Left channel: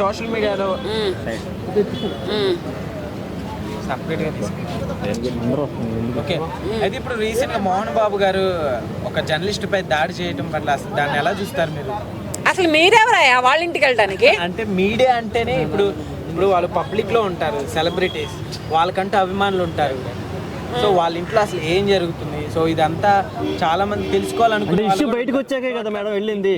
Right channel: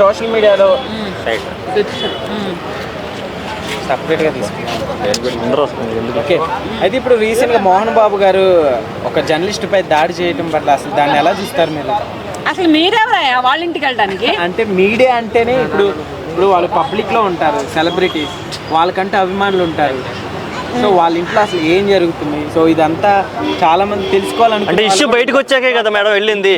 Social మీడియాలో సపరేట్గా తీసుకుంటాం. ఓకే, అయితే ఇప్పుడు రీసెంట్గా మోహన్ బాబు గారు ఒక జర్నలిస్ట్ పై దాడి చేయడం పట్ల అసలు దాన్ని ఎలా చూస్తారు మీరు? అసలు మీరెవరయ్యా వాళ్ళ ఇంటికి వెళ్ళడానికి? అంటే మీడియా అంటేనే ఇప్పుడు వాళ్ళు పబ్లిక్లో ఉంటారు, సెలబ్రిటీస్, వాళ్ళకంటే అభిమానులు ఉంటారు. సో వాళ్ళ ఇంట్లో అసలు ఏం జరుగుతుంది, సో ఇదంతా చాలా మంది తెలుసుకోవాలనుకుంటే ఇష్యూ బయటకు వచ్చాకే కదా మేడం వెళ్ళింది.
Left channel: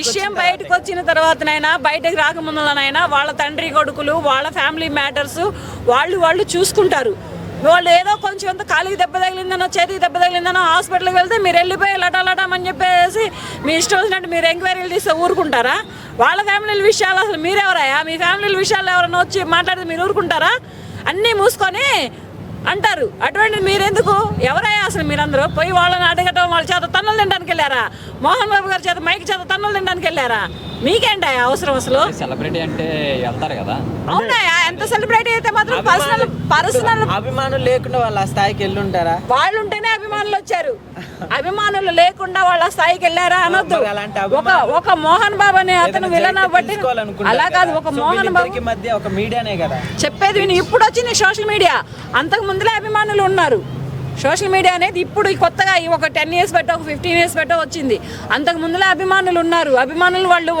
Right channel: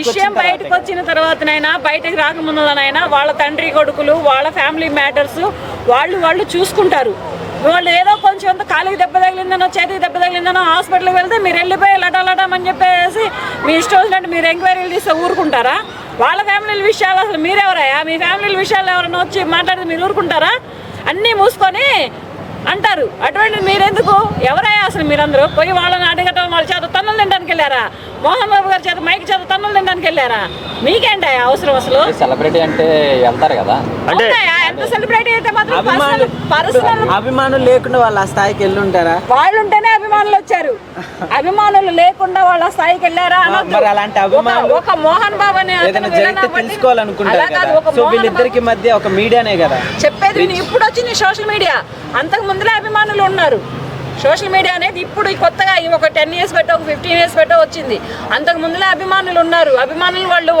విషయం బయటకు వచ్చిన తర్వాతనైనా, బయటకు రాకముందులనైనా వాళ్ళ తండ్రి కొడుకులు, వాళ్ళ ఫ్యామిలీ మ్యాటర్స్ వాళ్ళు చూసుకుంటారు. వాళ్ళు ఏదో కొంచెం ఎంత కాలికి దెబ్బ తగిలిందనో, చేతికి దెబ్బ తగిలిందనో హాస్పిటల్కి వెళ్తే మీరు వెళ్ళిపోయి లటాలటామని చెప్పేసి మీ ఇష్టం వచ్చినట్టు మీరు ఎంక్వైరీలు తీస్తే ఊరుకుంటారా? వాళ్ళ ఫ్యామిలీ విషయాలు అసలు మీరెవరయ్యా? మీ ఫ్యామిలీ విషయాలు ఎవరైనా వచ్చి మాట్లాడితే మీరు ఊరుకుంటారా? అన్నీ మూసుకొని అంటారు. అటువంటి మీరెందుకు? ఎవరయ్యా అసలు మీరందరూ? పోయి వాళ్ళని అడగటం, వాళ్ళ చేత తన్నులు తినడానికి వెళ్ళారా? మోహన్ బాబు గారి చేత మైక్ చేత తన్నులు తినడానికి వెళ్ళారా? మీకేంటయ్యా అవసరం? అసలు సెలబ్రిటీ అంటే వెళ్తారు కదా, అంటే ఎంత సెలబ్రిటీ అయితే మాత్రం పర్సనల్ అభిమానులు లేకుండా వాళ్ళు ఆ స్థాయికి వెళ్ళి ఉంటారా? వాళ్ళు ఉంటేనే అభిమానులు వచ్చారు. అభిమానులు లేకుండా వాళ్ళ స్థాయికి వెళ్ళారా? అలాంటి ఒక మోహన్ బాబు అనే తెలుసుకోవాలనుకుంటారు. వీళ్ళిద్దరికి మధ్య ఒక మీడియానే కదా చెప్పేది. ఇప్పుడు వచ్చింది సోషల్ మీడియా, అంతకు ముందులే అభిమానులు ఉన్నారు. సోషల్ మీడియా అనేది ఇప్పుడు కొత్తగా ఒక 10 years పెట్టో, ఒక 15 years పెట్టో వచ్చింది. అంతకు ముందులో అభిమానులు ఉన్నారు. అభిమానులు వాళ్ళు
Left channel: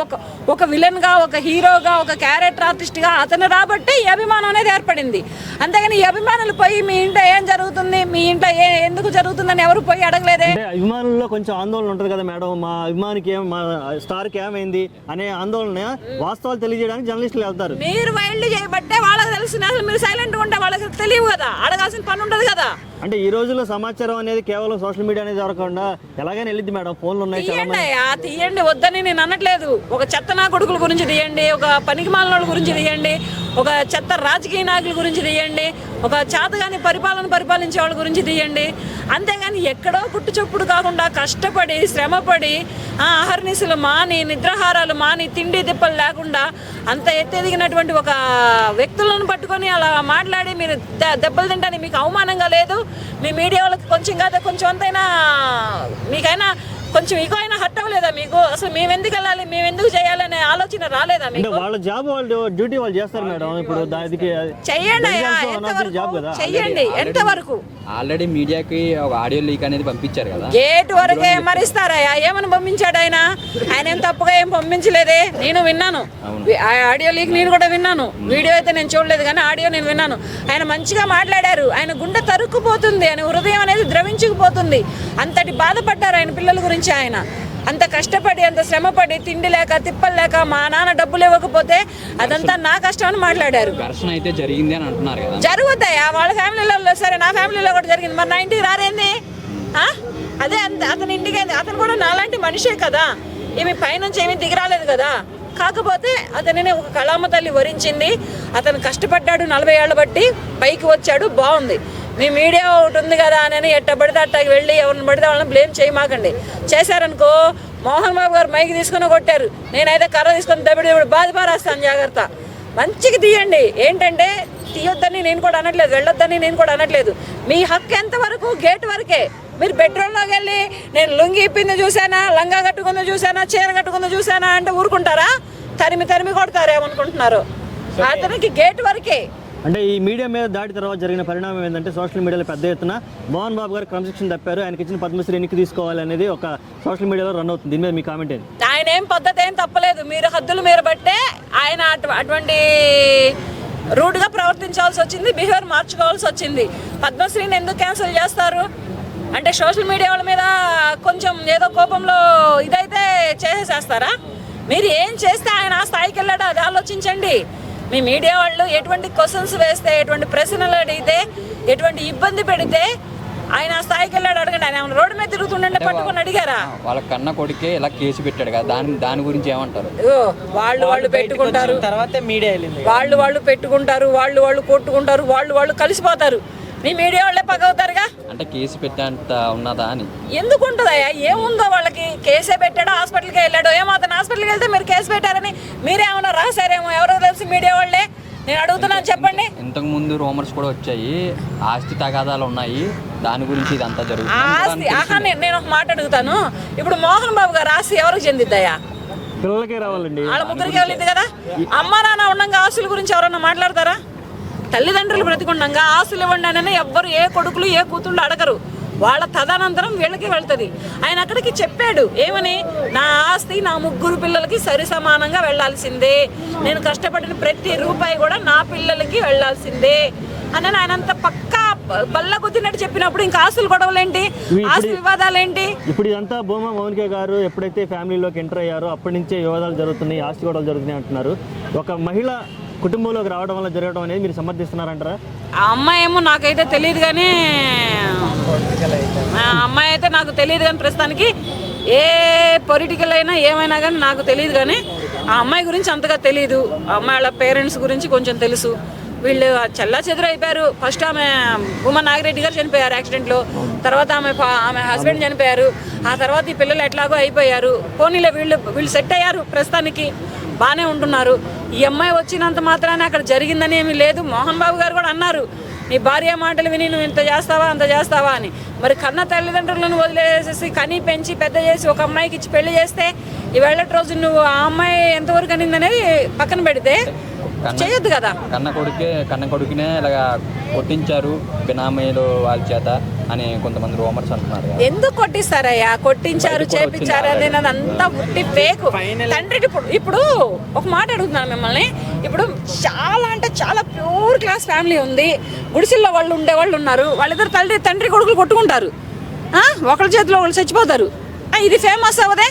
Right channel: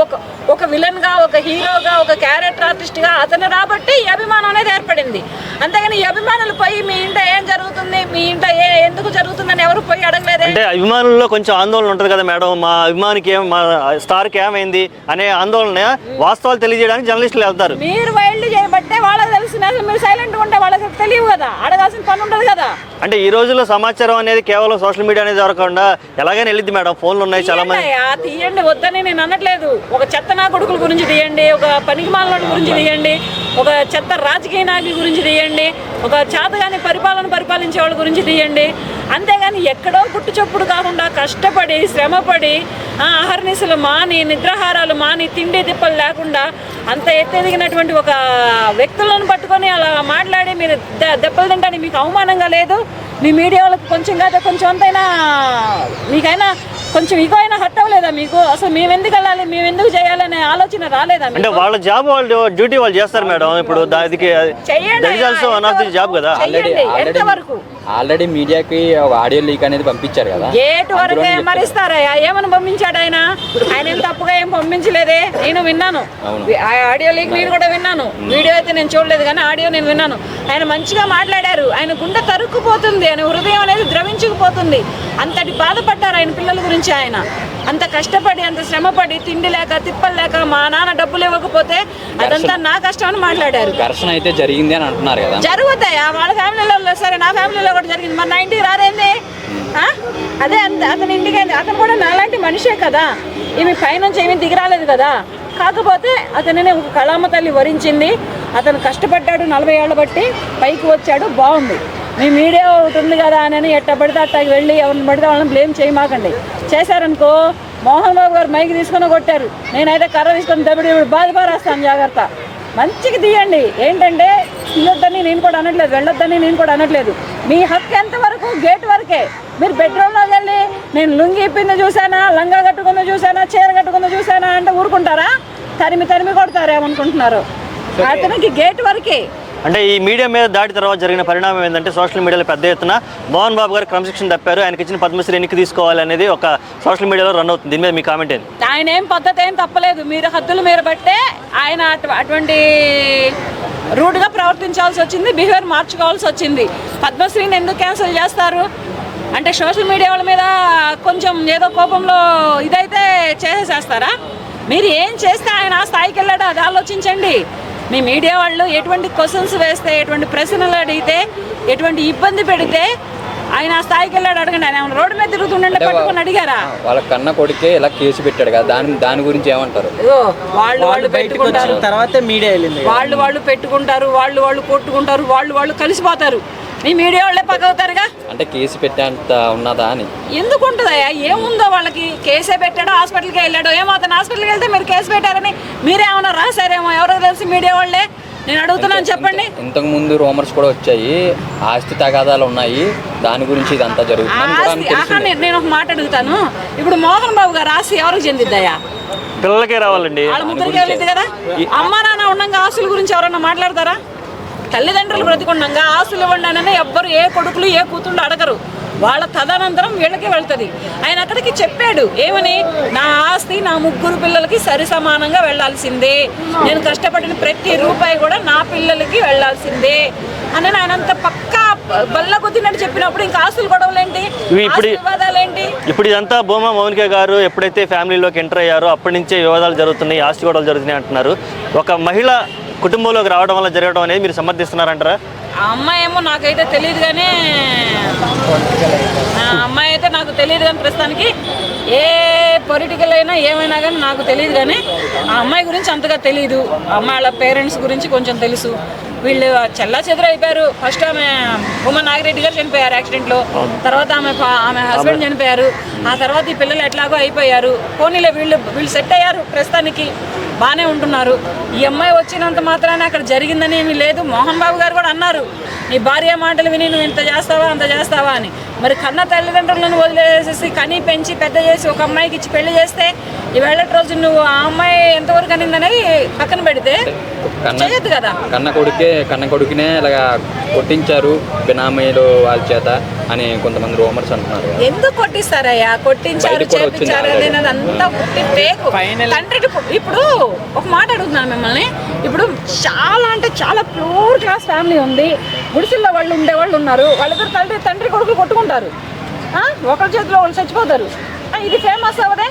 ఒక విలన్ గా, ఒక హీరోగా, ఒక క్యారెక్టర్ ఆర్టిస్ట్ గా అతను రాబట్టి ఈ అభిమానం అనేది ఏర్పడింది. అంతేగాని ఈ అభిమానులు పోయి మీ ఇంట ఏం జరుగుతుంది, మీ ఇంట ఎందుకు జరుగుతుందని ఎవరు పోయి అడగలేదు. అంటే అభిమానుల్లో కొంచెం ఆందోళన ఉంటుంది కదా మేడం, మా అభిమానికి మా స్టార్కి ఏమైంది అనే ఆందోళన వాస్తవాలు తెలియజేయడానికి జర్నలిస్టులు వెళ్తారు. మీరు వైల్డ్ చేయబట్టే వాళ్ళకి తెలిసింది. అసలు మీరు సైలెంట్ ఉంటే వాళ్ళకి తెలియదు కదా, అడగాల్సిన పని ఉంటుంది కదా. అంటే ఈ రోజుల్లో సమాచారం అనేది కేవలం సోషల్ మీడియా అనేది దొరకకుండా ఎలాగైనా వెళ్ళిద్ది మేడం. ఫోన్లు ఉన్నాయి చాలా మంది. తీయండి, వద్దని నేను అనట్లేదు. ఒక చెత్త నా కొడుకుల గురించి తీయండి, ఒక పనికిమాల గురించి తీయండి, ఒక చెత్త రాజకీయ నాయకుల గురించి తీయండి, ఒక చేతగాని పరిపాలించే వాళ్ళ గురించి తీయండి. అంతేగాని ఎక్కడో పుట్టు చొప్పుడు కాకుండా కష్టపడి, శ్రమపడి, ఆహర్నిశలు మాని, నిద్రాహారాలు మాని, తిండి తిప్పలు లేకుండా అంత ఎత్తెదిగినటువంటి ఒక వ్యక్తులను పట్టుకొని అలా మాట్లాడి మీరు దెబ్బలు తింటానికి మీకు అవమానంగా లేదు? మీ మీడియా వాళ్ళకి కొంచెం కాదు కొంచెం అంతైనా మీకైనా కొంచెం ఇగో అయినా హట్ అవ్వలేదా మీకు? అసలు మేము ఎందుకు వెళ్ళాలి, మేము ఎందుకు చేయాలి అనే ఆలోచన రాలేదా? అంటే వాళ్ళ జాబ్, వాళ్ళు డ్యూటీ వాళ్ళు చేస్తారు మేడం. ఇప్పుడు దానికి జాబ్ కదా. ఆల్రెడీ మీడియాకి ఒక ఆడియో లీక్ అనేది పంపించారు కదా, గేట్ వరకు మరిస్తారయ్యా? ఏమని పంపించాడు ఆయన? ఆయన ఏం తప్పుగా ఏం పంపించలేదే, నేను విన్నాను. ఆడియో లీక్ నేను కూడా విన్నాను. వీడియో అయితే నేను చూడలేదు కానీ ఆడియో నేను విన్నాను. ఆయన మంచిగా మాట్లాడారు. ఆయన గుండె తరుక్కుపోతుంది, ఆయన హృదయం అనేది ద్రవించుకుపోతుంది. అంతటి బాధపడ్డారు ఆయన పిల్లల గురించి. ఆయన అంత కష్టపడి, అంత శ్రమపడి, తిండి లేక తిప్పలు లేక మా నాన్న డబ్బులు ఇవ్వకపోతే అదంతా నా కష్టం అని మాట్లాడారు. ఘర్షణ అయితే జరిగింది అని అంటున్నారు కదా. జరుగుతాయా? వాళ్ళ ఫ్యామిలీలో సరే, నా ఫ్యామిలీలో కూడా జరిగింది. మరి నా ఇంటికి రారేంది? అదే అతని ఇంటికి అతను కూడా నాలాంటి మనిషే కదా. ఏమి పైనుంచి ఏమీ దిగిరాలేదు కదా. కాకపోతే అతనినే ఒక కళామ తల్లి వరించింది. అతను కష్టపడ్డాడు, 40 ఏళ్ళు బట్టి పైకి వచ్చాడు. బాగుంది. మీ మీడియా ఒకటి ఉంది కదా అని ఎట్ట పడితే అట్టకి వెళ్ళి ఎవరిని పడితే వాళ్ళని బ్లేమ్ చేయమాకండి. చేశారనుకో, మోహన్ బాబు గారు మైకి తీసుకొని కొట్టారు, నేనైతే కర్ర తీసుకొని దెబ్బడి బాధపారేస్తాను. జాగ్రత్త, మంచిగా తీయండి. ఏంటంటే తీయొద్దని నేను కూడా అనట్లేదు, వెళ్ళొద్దని నేను కూడా అనట్లేదు. మీ హక్కు ఎంతవరకు? గేట్ వరకే. మీరు బెడ్రూమ్లోకి వెళ్ళి నేను లుంగి ఇప్పింది చూసానా, లంగా కట్టుకుందో చూసానా, చీర కట్టుకుందో చూసానా అంటే ఊరుకుంటారా? తరిమి కొడతారేమనుకుంటున్నారు? అతనికి గేట్ వరకే. అంటే ఈ మీడియా మీద దాడి తర్వాత జరిగిన పరిణామం ఏంటంటే సోషల్ మీడియాలో పెద్ద ఎత్తున మోహన్ బాబు గారు క్రమశిక్షణ తప్పారు, ఆయనకి ఇచ్చిన పద్మశ్రీ ఎన్నిక తీసుకోవాలి అనేది ఒక సోషల్ మీడియాలో రన్ అవుతుంది. దీని మీద మీ కామెంట్ ఏంటి? ఆయన ఏం పద్ధతి ఏం తప్పలేదు. మీరు హద్దులు మీరు బట్టే ఆయన అటువంటి రూడ్గా ప్రవర్తించాల్సి వచ్చింది, బిహేవియర్ మార్చుకోవాల్సి వచ్చింది. పద్మశ్రీని ఎందుకు క్యాన్సిల్ చేస్తారు? అంటే సోషల్ మీడియా వాళ్ళ మీద కొంచెం ఏదో కోపంలో ఇదైతే చేసేస్తారా? మీరు ఏం చేస్తే ఆయన ఆ స్థాయికి వెళ్ళాడో అది ఆలోచించండి. మీ మీడియా వాళ్ళు ఎటువంటి క్వశ్చన్స్ వేస్తే, ఎటువంటి ప్రశ్నలు అడిగితే, ఎటువంటి ఇబ్బంది పెడితే ఆయన ఆ స్థాయికి వెళ్ళాడు అడగండి. ఆయన రోడ్డు మీద తిరుగుతుండే పట్టుకొని అడిగారా? వాళ్ళ కన్న కొడుకే ఇలా కేసు పెట్టాడు కదా, దాని గురించి ఏమంటారు? వాళ్ళు పెట్టుకుంటారు, తర్వాత మీడియా వెళ్ళింది, వాళ్ళు పెట్టుకుంటారు, వాళ్ళు కొట్టుకుంటారు, వాళ్ళు కలిసిపోతారు. మీ మీడియా వాళ్ళే పగవుతారుగా. అంటే కేసు పెట్టేంత ఉన్నదా అని? ఎందుకు ఉంటుందయ్యా? ఏముందో వాళ్ళకి? కేసే పెట్టాడో, హాస్పిటల్కి వెళ్ళాడో ఏమో. అతను హాస్పిటల్కి వెళ్తే మీరు కేసు పెట్టారని మీరేమన్నా రాశారేమో, ఎవరో తెలుసు మీడియా వాళ్ళే. నేను అడుగుతున్నాను, చెప్పండి. ఇంతకు ముందు రూమర్స్ కూడా వచ్చాయి, ఆస్తి తగాదాలు ఉన్నాయి, దాని గురించి ఇదంతా జరుగుతుంది. నేను ఒక మాట అడుగుతాను, ఇప్పుడు మోహన్ బాబు గారు ఆస్తి ఎవరికి చెందిద్దయ్యా? పిల్లలకే రావాలండి. వాళ్ళ ముగ్గురికి వెళ్ళింది కదా. అమ్మ నాన్న ఆస్తుల గురించి ఎవరన్నా మాట్లాడతారా? తల్లిదండ్రులు బ్రతికుండగా ఆస్తులు ఇవ్వండి అని ఎవ్వరు ఏ కొడుకులు ఏ కూతుళ్ళు అడగరు. వాళ్ళ తదనంతరం వీళ్ళకి వెళ్తుంది. ఆయన అక్కడికి చెప్పాడు ఏమని, నా ఆస్తి నా 3 పిల్లలకి సరి సమానంగా వెళ్లాల్సిందే, నేను కష్టపడిన ప్రతి రూపాయి కూడా నా పిల్లలకి వెళ్లాల్సిందే అని ఆయన అంత పక్కా బల్ల కొద్దినట్టు చెప్పినప్పుడు ఇంకా ఆస్తులు గొడవలేంటి, వివాదాలేంటి? ఇప్పుడు ఇదంతా భూమా మౌనిక గారు ఎప్పుడైతే ఫ్యామిలీలోకి ఎంటర్ అయ్యారో అప్పటి నుంచే వివాదాలు జరుగుతున్నాయి, ఆస్తి గొడవలు జరుగుతున్నాయి అంటున్నారు. ఒక మహిళ కుటుంబంలోకి రావడం వల్ల జరగడం అనేది మీరు సమర్థిస్తున్నారంటారా? ఆ అమ్మాయి ఏమో నాకైతే తెలియదు కానీ, ఆ అమ్మాయి అయితే నాకు తెలియదు కానీ ప్రస్తుతానికి ఏ పొలిటికల్ అయినా ఏమైనా కానీ నాకు తెలియదు కానీ ఆ అమ్మాయి గురించి అంతగా తెలియదు. ఆ అమ్మాయి వాళ్ళ పేరెంట్స్ గురించి కొంచెం తెలుసు. వీళ్ళు చెల్లా చెదురు అయిపోయారు. ఫస్ట్ ఆమె ఉమా నాగిరెడ్డి గారు చనిపోయారు యాక్సిడెంట్లో, తర్వాత ఆమె హస్బెండ్ చనిపోయారు, ఆ తర్వాత ఈ పిల్లలు ఎట్లాగో అయిపోయారు. పోనీలే వీళ్ళు సెట్ అయ్యారు, ప్రస్తుతానికి బాగానే ఉంటున్నారు. ఈ అమ్మాయి వచ్చినంత మాత్రమే అక్కడ జరిగిందని ఏమీ లేదు. మోహన్ బాబు గారు కూడా అన్నారు, నీ భార్య మాటలు విని నువ్వు ఇంత చేస్తావా అంత చేస్తావా అని. మరి కన్న తల్లిదండ్రులను వదిలేసేసి కని పెంచి పెద్ద చేసి ఒక అమ్మాయికి ఇచ్చి పెళ్లి చేస్తే ఈవేళ రోజు నువ్వు ఆ అమ్మాయి ఎంతవరకు అనిందనేది పక్కన పెడితే చేయొద్దు కదా. కన్న కొడుకునే ఇలాగా కొట్టించారు బినామీలు వాళ్ళ చేత అని కొంతమంది రూమర్స్ అంటున్నారు. ఎందుకు కొట్టిస్తారయ్యా? కొట్టించారు చేపించారు అనేది అంతా పుట్టి పేకు తండ్రికి. ఇప్పుడు ఒక మాట అడుగుతున్నాను మిమ్మల్ని, ఇప్పుడు చాలా అంటే చాలా ప్యూర్ క్లాస్ ఫ్యామిలీ ఉంది, గుడిసెల్లో వాళ్ళు ఉండేవాళ్ళు ఉన్నారు, వాళ్ళిద్దరు తండ్రి కొడుకులు కొట్టుకుంటారు, ఒకళ్ళ చేతిలో వాళ్ళు చచ్చిపోతారు. ఇది ఫేమస్ అవ్వదే,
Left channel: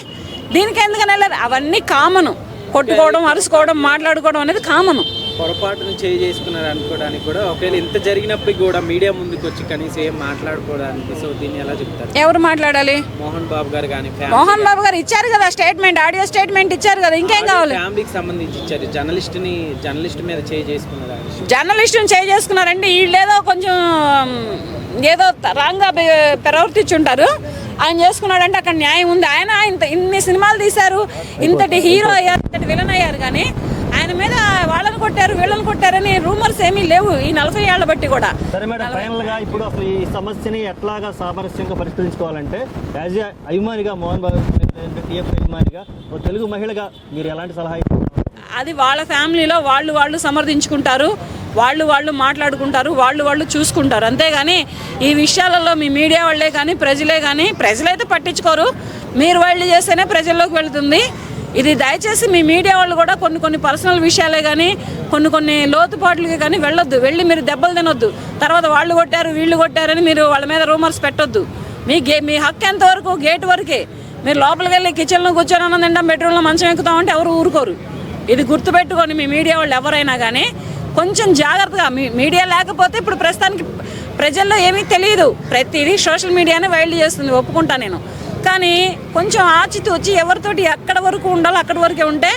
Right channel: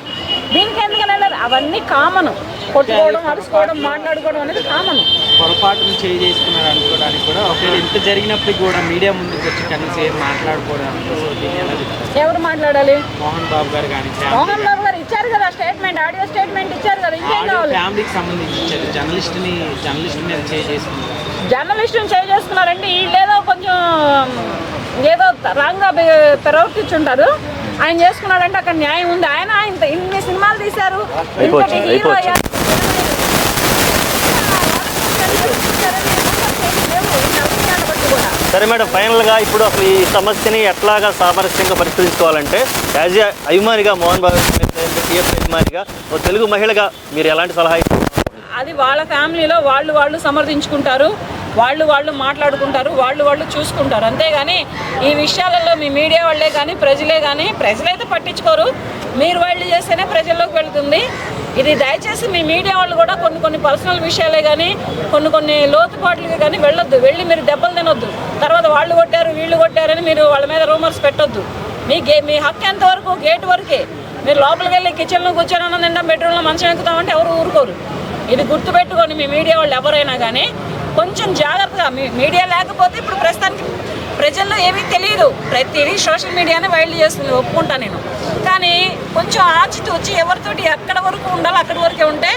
దీనికి ఎందుకని వెళ్ళారు? అవన్నీ కామను. కొట్టుకోవడం, అరుసుకోవడం, మాట్లాడుకోవడం అనేది కామను. పొరపాటును చేసుకున్నారు అనుకోవడానికి కూడా ఒకవేళ ఇంత జరిగినప్పటికీ కూడా మీడియా ముందుకు వచ్చి కనీసం మాట్లాడుకోవడానికి ఎలా చెప్తారు? ఎవరు మాట్లాడాలి? మోహన్ బాబు గారు కానీ. మోహన్ బాబు గారు ఇచ్చారు కదా స్టేట్మెంట్, ఆడియో స్టేట్మెంట్ ఇచ్చారు కదా, ఇంకేం కావాలి? ఫ్యామిలీకి సంబంధించి ఇచ్చారు. జర్నలిస్ట్ మీద చేసుకున్నారు. జర్నలిస్టుని చేసుకున్నారంటే వీళ్ళు ఏదో కొంచెం ఏదో రాంగ్గా ప్రవర్తించుంటారు. ఆయన చేసుకున్నాడంటే అక్కడ న్యాయం ఉంది. ఆయన ఇన్ని సినిమాలు తీశారు, ఇంతటి హీరో అయ్యారు, విలన్ అయ్యారు, కానీ ఆయన మీద వాళ్ళని కొట్టారు వీళ్ళని కొట్టారని రూమర్స్ ఏమీ లేవు ఈ 40 ఏళ్ల బట్టి కూడా. సరే మేడం, ఫైనల్గా ఇప్పుడు అసలు ఈ సమస్యని ఎట్లాగా సామరస్యంగా పరిష్కరించుకోవాలంటే యాజ్ ఏ అభిమానిగా, మోహన్ బాబు టీఎఫ్ అభిమానిగా, ఓ తెలుగు మహిళగా మీరు ఎలాంటి సలహా ఇస్తారు? అది వాళ్ళ ఫ్యామిలీలో వాళ్ళు సమర్థించుకుంటారు, వాళ్ళు మాట్లాడుకుంటారు, వాళ్ళు చూసుకుంటారు. అంతేగాని ఈ విషయాలలో మీ మీడియా వాళ్ళే కానీ ప్రజలైతే పట్టించుకోరు. మీరు వాళ్ళు చేస్తేనే ప్రజల్లోకి వెళుతుంది. ఇది దయచేసి మీ మీడియా వాళ్ళు కూడా కొన్ని పర్సనల్ విషయాలే కానీ కొన్ని లోతుపాట్లకి కానీ వెళ్ళి మీరు దెబ్బలు తినొద్దు. తర్వాత వాళ్ళు కొట్టారు వీళ్ళు కొట్టారని మీరు వాళ్ళ మీద రూమర్స్ పెట్టొద్దు. మీ హక్కు ఎంతవరకు గేట్ వరకే. మీరు లోపలికి వెళ్ళి కిచెన్లో కూర్చొని తింటాం, బెడ్రూమ్లో మంచం ఎక్కుతామంటే ఎవరు ఊరుకోరు. ఇది గుర్తుపెట్టుకొని మీ మీడియా వాళ్ళు ఎవరైనా కానీ కొంచెం జాగ్రత్తగా. మీడియా లేకపోతే ఇప్పుడు ప్రస్తుతానికి ప్రజల్లో ఏమీ తెలియదు, ప్రతిదీ సోషల్ మీడియానే వైల్డ్ చేస్తుంది, ఒప్పుకుంటా నేను. కానీ కొంచెం ఆచితూచి ఎవరితోటి ఎక్కడ వరకు ఉండాలో అక్కడి వరకే ఉంటే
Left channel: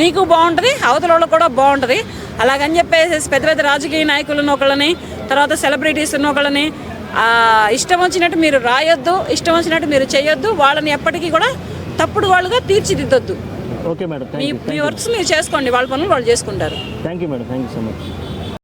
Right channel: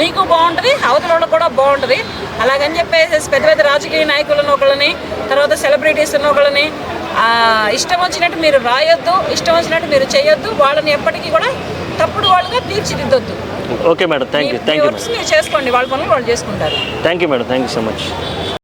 మీకు బాగుంటుంది, అవతల వాళ్ళకి కూడా బాగుంటుంది. అలాగని చెప్పేసి పెద్ద రాజకీయ నాయకులను ఒకళ్ళని, తర్వాత సెలబ్రిటీస్ ఒకళ్ళని ఇష్టం వచ్చినట్టు మీరు రాయొద్దు, ఇష్టం వచ్చినట్టు మీరు చేయొద్దు. వాళ్ళని ఎప్పటికీ కూడా తప్పుడు వాళ్ళుగా తీర్చిదిద్దొద్దు. Okay madam, thank you. మీరు చేసుకోండి, వాళ్ళ పనులు వాళ్ళు చేసుకుంటారు. Thank you madam, thank you so much.